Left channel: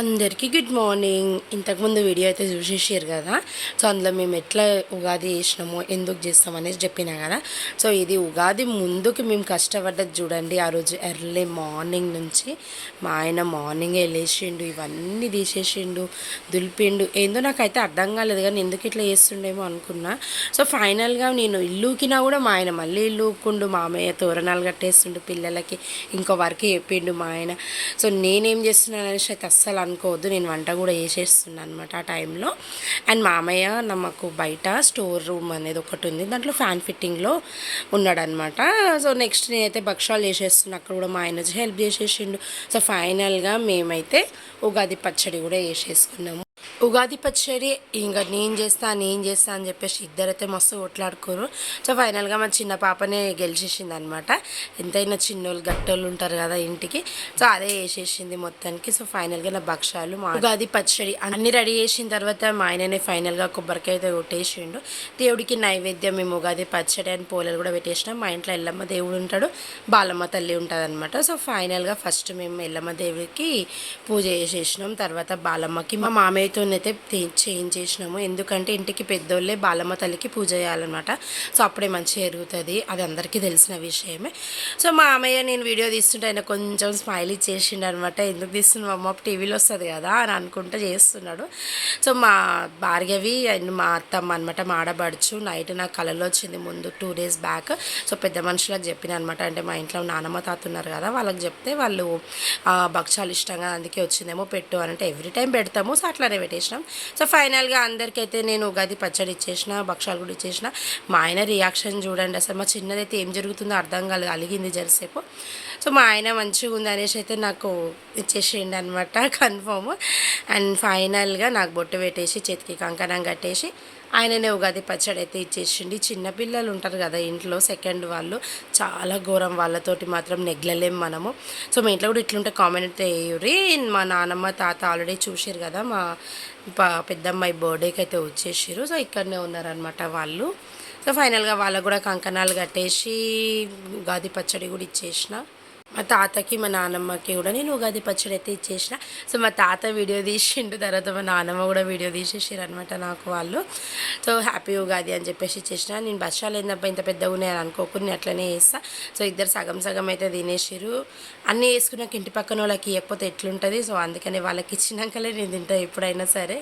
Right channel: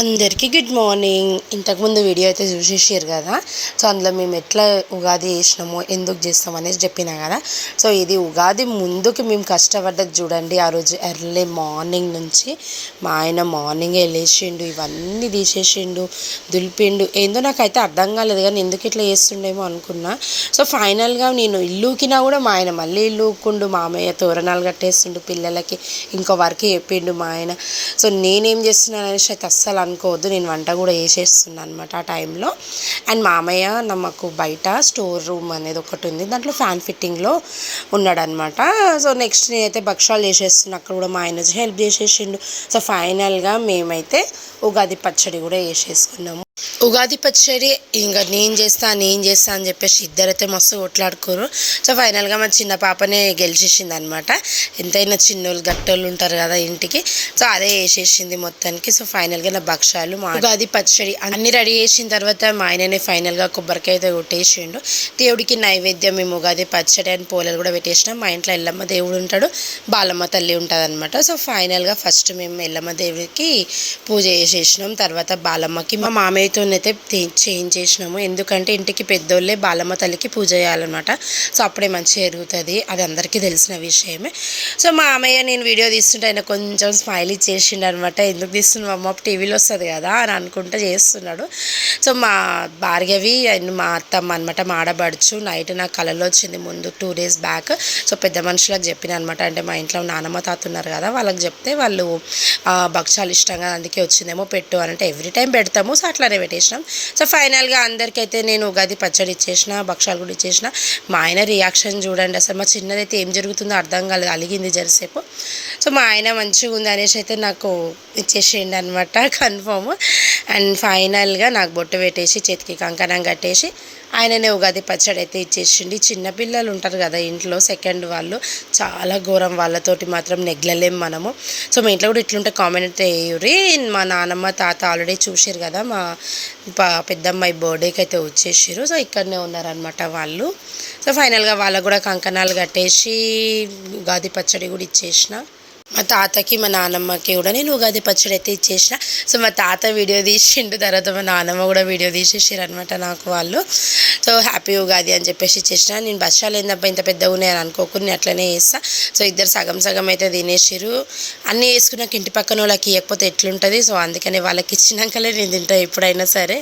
అందరికీ good morning. ఇంతకుముందు video అయితే చూసేసారు కదా. సో అందులో మేము ఎట్లా ఉగాది చేసినామో ఎందుకు చేస్తాం అనేసి చెప్పినా కదా. సో ఇది ఉగాది ముందుకు మేము కష్టపడ్డది చూడండి. ఆ రోజు ఎర్లీ మార్నింగ్ నుంచి మా ఆయన మార్నింగే వెళ్ళేసిండు, ఇవన్నీ తీసేసిండు, దులిపిండు. ఏందో నాకైతే అర్థం కాలేదు కానీ ఎందుకు ఇట్లా చేస్తుండేమో అనుకున్నా. సో ఫైనల్గా నేను ఇల్లుకినా కూడా మా ఆయన మళ్ళీ ఇల్లు ఊక్కుండు, మామయ్య తోరణాలు కట్టేస్తుండు పిల్లలకి, ఇంకో వర్క్ చెప్పిండు మా ఆయన. సో నేనేం చేస్తున్నాను అనేసి అయితే అస్సలు అనుకోవద్దు, నేను వంట కూడా వేసేస్తున్నాను అనమాట ఆ టైంలో. అండ్ మామయ్య నమ్మకు బయట స్టోర్ రూమ్ అనేది ఒకటి ఉంది, దాంట్లో ఫ్యాన్ ఫిట్టింగ్లో ఉన్నాడనమాట. సో నెక్స్ట్ నేనైతే భక్షాలు చేసేస్తున్నా, అక్కడ కూడా మా ఆయన వచ్చి హెల్ప్ చేసేసిండు. సో ఫైనల్గా మేమైతే ఉగాది పచ్చడి కూడా వేసేసుకున్నాము. ఉగాది పచ్చడి ఇంకా నేను చేస్తా అని చెప్పేసి ఇద్దరైతే మస్తు కొట్లాడుకోరు. సో ఫైనల్గా మా చిన్న పాపనే గెలిచేసింది అనమాట. ఎంతైనా చిన్నోళ్ళు గట్టోళ్ళు ఉంటారు కదా ఇంటికి, సో అదే వేసేసింది మొత్తానికి. సో ఫైనల్గా నా భక్షాలు మా ఉగాది పచ్చడి అన్నీ రెడీ చేసిన తర్వాత మా ఆయననే ఫైనల్గా కొబ్బరికాయ అయితే కొట్టేసిండు. దేవుడికి నైవేద్యం మేము ఉగాది పచ్చడి అని పోలేలు కూడా పెట్టేసినాం. మా ఇంట్లో ఎల్లమ్మ దేవుడు ఉంటాడు, బాలమ్మ తల్లి ఉంటుంది అనమాట. సో ఫైనల్గా ఫస్ట్ మేము ఎల్లమ్మ దేవుడికి పూజ చేసేసినాం, తర్వాత బాలమ్మకి మా మామయ్యతో అయితే చేంజ్ చేసినాము. ఎందుకంటే ఇంటికి పెద్దోళ్ళే బాలమ్మ తల్లికి పూజ చేయాలన్నమాట. సో అప్పుడే మంచిగా జరుగుతుంది, అది అందరికీ తెలిసిన విషయమే. సో మా అమ్మయ్య నేను వీడియో తీస్తుంటే ఆయన కొంచెం స్మైల్ ఇచ్చేసిండు అనమాట. ఎందుకు తీస్తున్నావు అమ్మ, టీవీలో వస్తుంది కదా అని అనుకుంటూ చేస్తున్నాడు. సో మా భార్గవి అండ్ మా అత్తమ్మ అనమాట, మా ఆడబడుచు నైట్ నాకు కళలో వచ్చింది ముందు 2 days బ్యాక్. సో పెద్ద మనుషులకు చెప్పిన అనమాట, అంటే మా ఇంట్లో నానమ్మ తాత ఉన్నారు కదా, వాళ్ళకి చెప్తే వాళ్ళు భక్షాలు ఇష్టంగా అందుకే వచ్చిందేమో పెట్టు అని అంటే ఎవ్రీ టైం పెడతాము. సో అట్లానే పెట్టేసినాం. సో ఫైనల్గా అందరికైతే నేను ఉగాది పచ్చడి ఇచ్చేసిన, భక్షాలు కూడా ఇచ్చేసిన. మా ఆయన రియాక్షన్ చూడండి అసలు, మా చిన్నదైతే ఏం జరుగుతుందో అర్థం కాలేదు, అలిగింది జరసేపు. సో మా ఆయన మంచిగా ఉంది అనేసి అయితే నాకు ఇచ్చేసేయండి అనమాట కన్ఫర్మ్. అండ్ ఫైనల్గా నాకు బొట్టు పెట్టేసి చేతికి కంకణం కట్టేసి ఆయననే ఉగాది పచ్చడి అయితే ఇచ్చేసిండి. చిన్నపిల్లలు ఉంటారు కదా ఇంట్లో, సెకండ్ వాళ్ళు చాలా ఘోరం, వాళ్ళతోటి మాత్రం నెగ్లలేం మనము. సో మీ ఇంట్లో కూడా ఇట్లుంటే కామెంట్ వేయుర్రి. మా నానమ్మ తాత ఆల్రెడీ చూసారు కదా, మా పెద్దమ్మాయి బర్త్డేకి అయితే వచ్చేసారు. సో ఇక్కడనే ఉన్నారనమాట వాళ్ళు. సో ఫైనల్గా వాళ్ళకు కూడా కంకణాలు కట్టేసి ఉగాది పచ్చడి కూడా ఇచ్చేసిన. మా తాతకి మా నానమ్మకి కూడా నేను ఉగాది పచ్చడి అయితే ఇచ్చేసిన. సో మా తాత వీడియో తీసిండు, తర్వాత మా నానమ్మ కూడా వీడియో తీసేసారు అనమాట నాకు వాళ్ళు. సో హ్యాపీ ఉగాది అని చెప్పేసి ఇచ్చేసిన. నేను బచ్చాలు ఏందబ్బా ఇంత పెద్దగా ఉన్నాయని అనుకోకుండా నేను అట్లనే చేస్తా. సో ఇద్దరు సగం సగం అయితే తినేసారు. అన్నీ వేసుకున్నాక ఇంటి పక్కన వాళ్ళకి ఇవ్వకపోతే ఎట్లుంటుంది, సో అందుకని వాళ్ళకి ఇచ్చినాకలే నేను తింటా ఎప్పుడైనా సరే.